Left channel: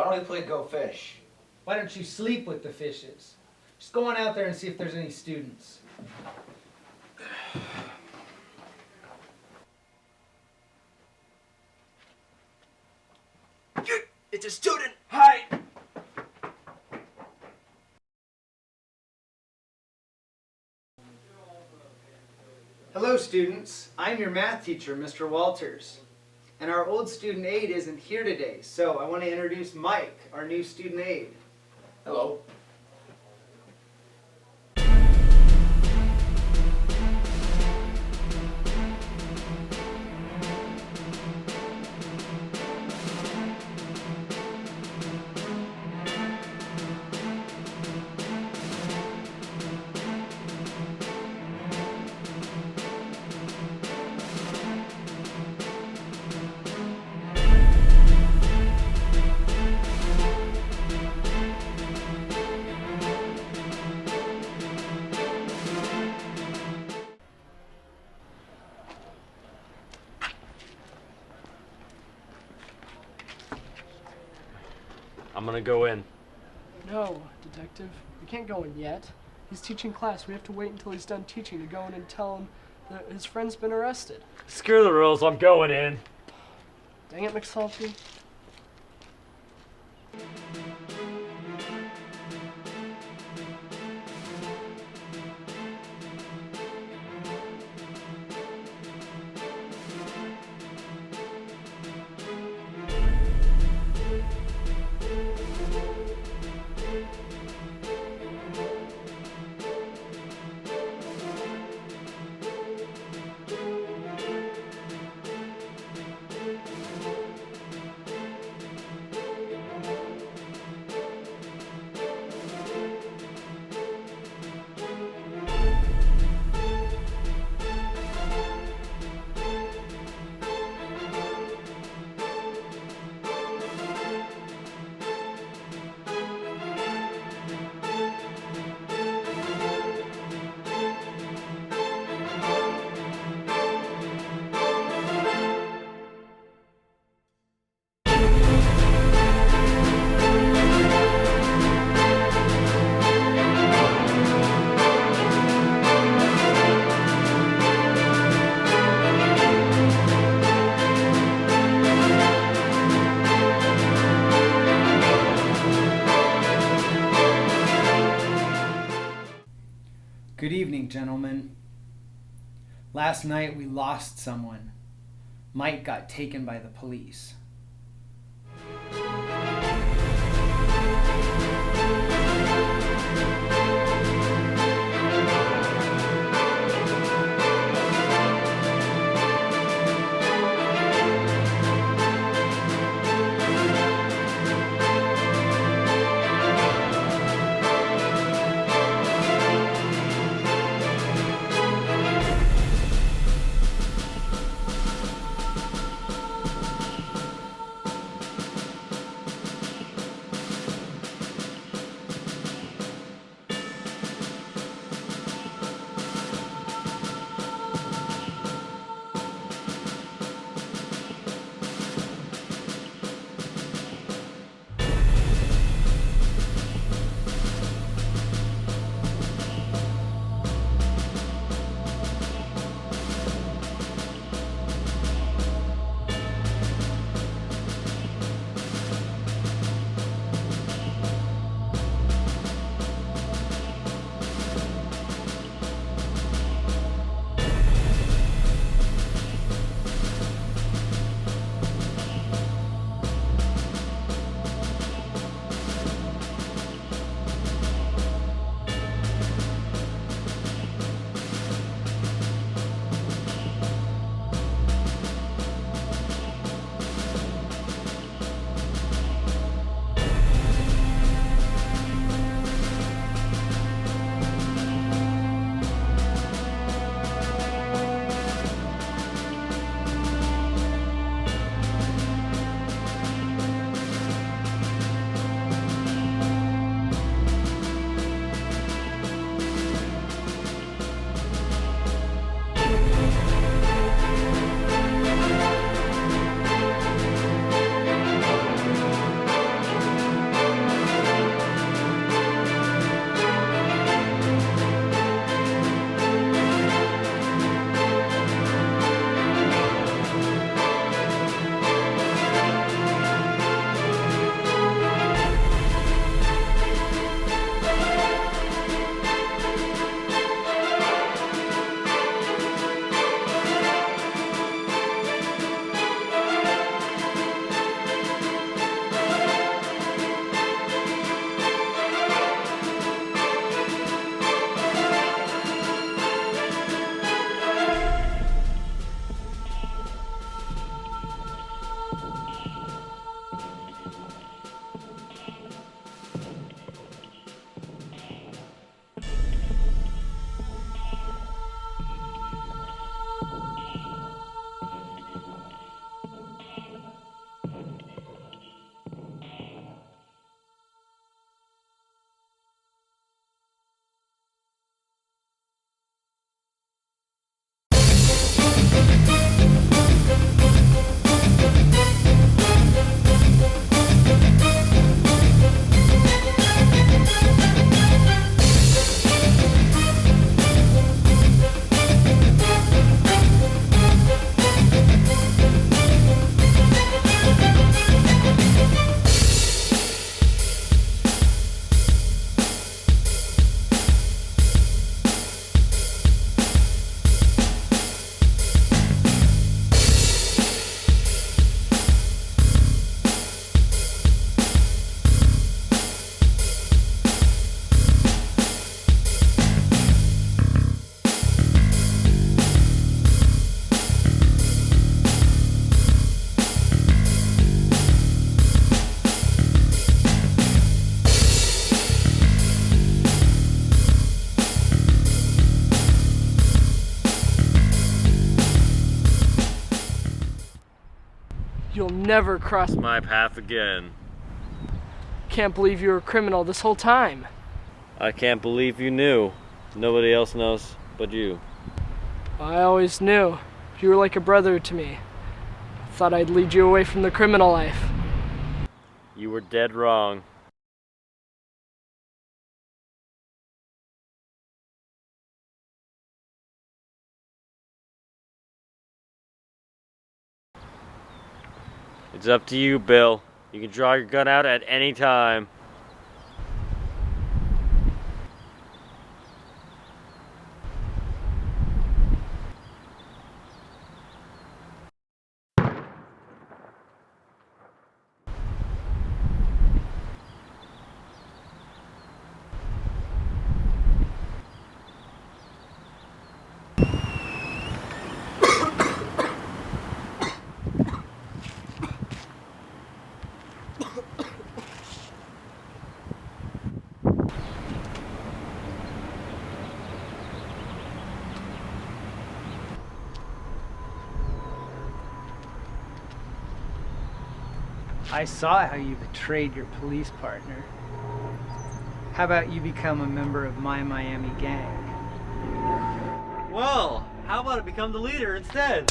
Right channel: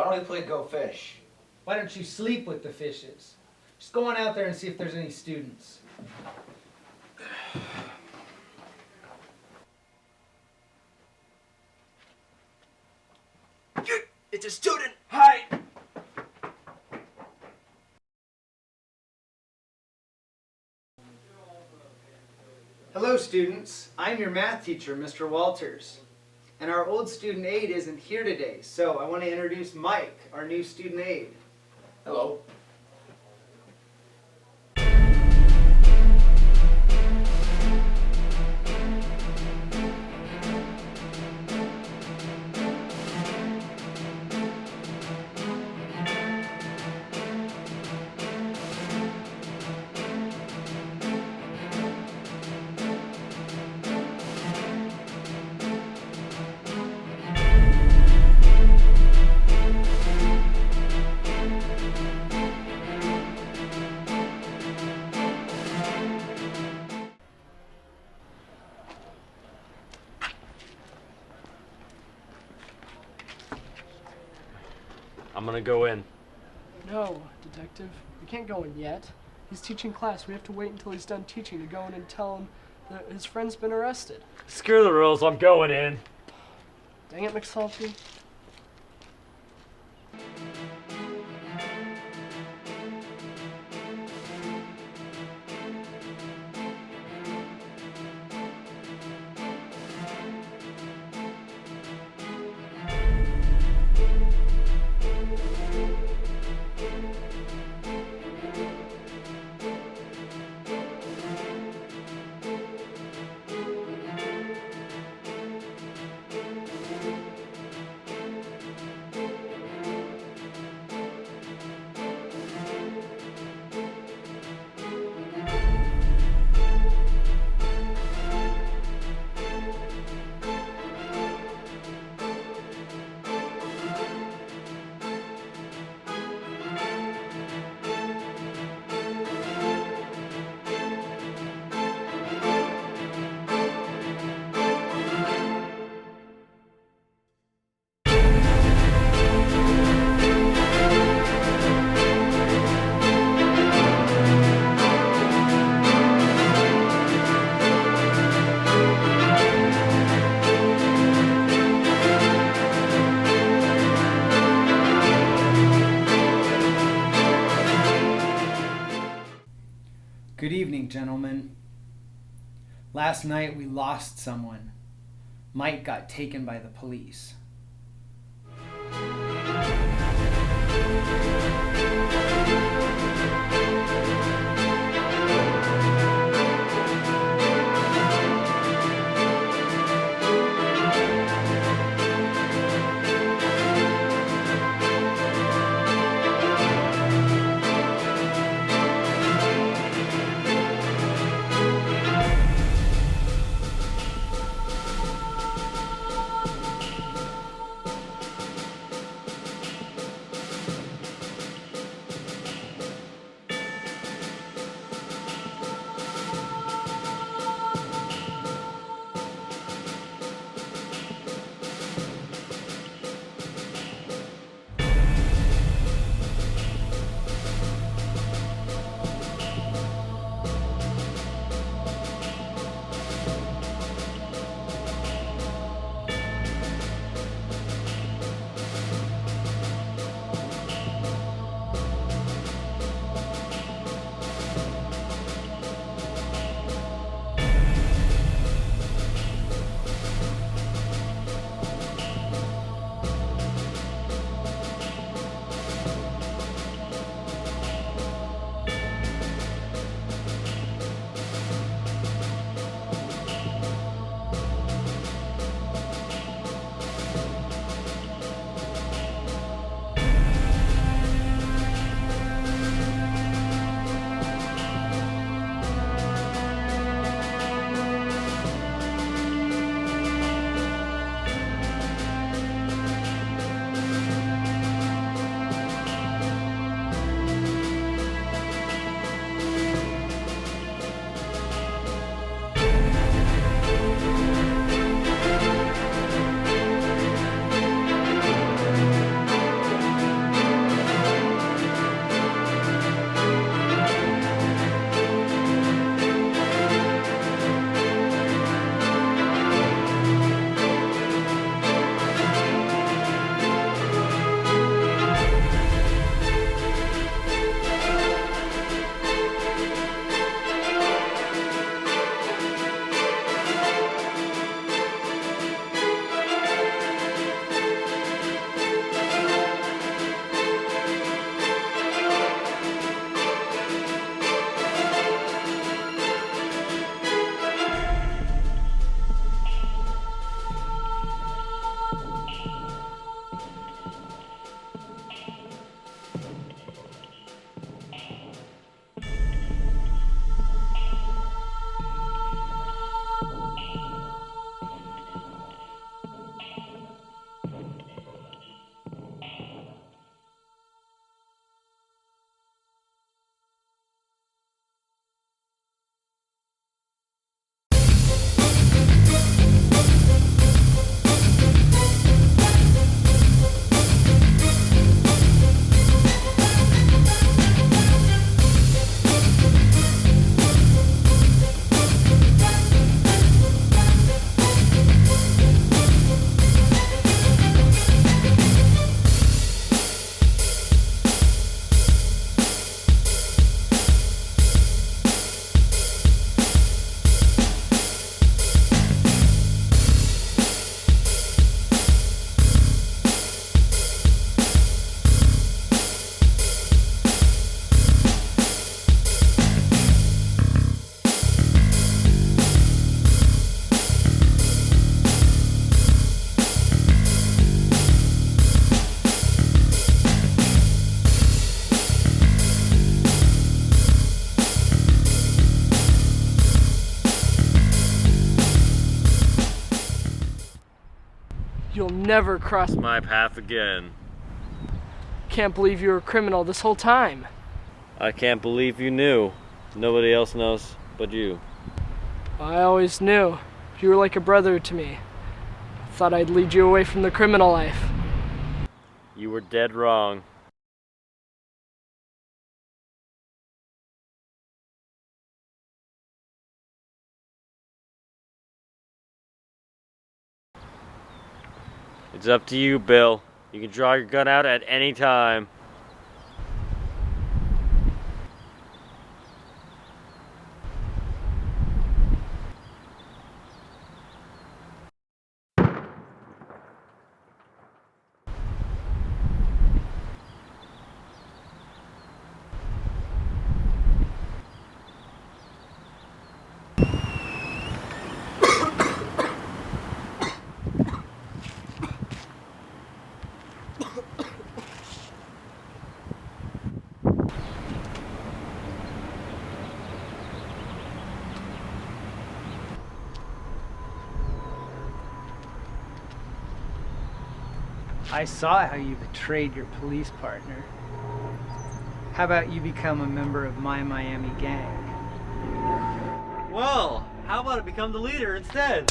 Why don't we play Go Fish? Why don't you sleep with the fishes? Just go on out there and see if there's any students. It's a student! Hi! Hello students, I'm your math teacher, Mr. Walters. And our old student aide isn't here today, so I want to introduce Mike, our new student aide. Hello. I'm gonna go in. No, Detective. We can't go in yet. He's teaching class. We have to wait until he's done teaching to go in and tell him that his friend's been arrested. Screw the rules, I'm going in. Dang it, McSalty. Good evening, gentlemen. Last night we lost someone. Mike got taken by the police. never cross My path again. Can't believe you were a criminal this whole time. I can't believe you knew. Nobody else knows but you. I always knew. You were like a brother to me. Thought I'd lead you away from the criminal life. You were dead wrong. It's up to you, Bill. You can draw your gun out at any time. I saw how you betrayed your police partner. How about you become a member of my Miami gang? Well, how about I become the leader instead?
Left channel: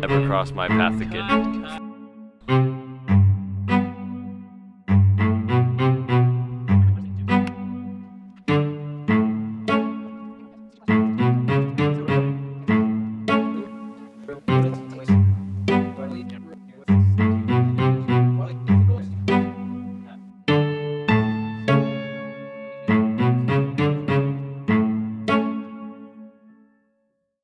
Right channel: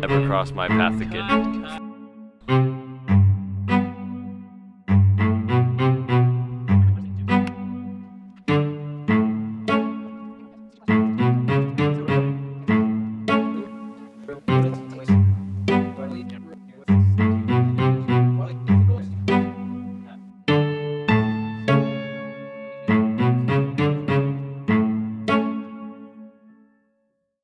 Never cross my path again.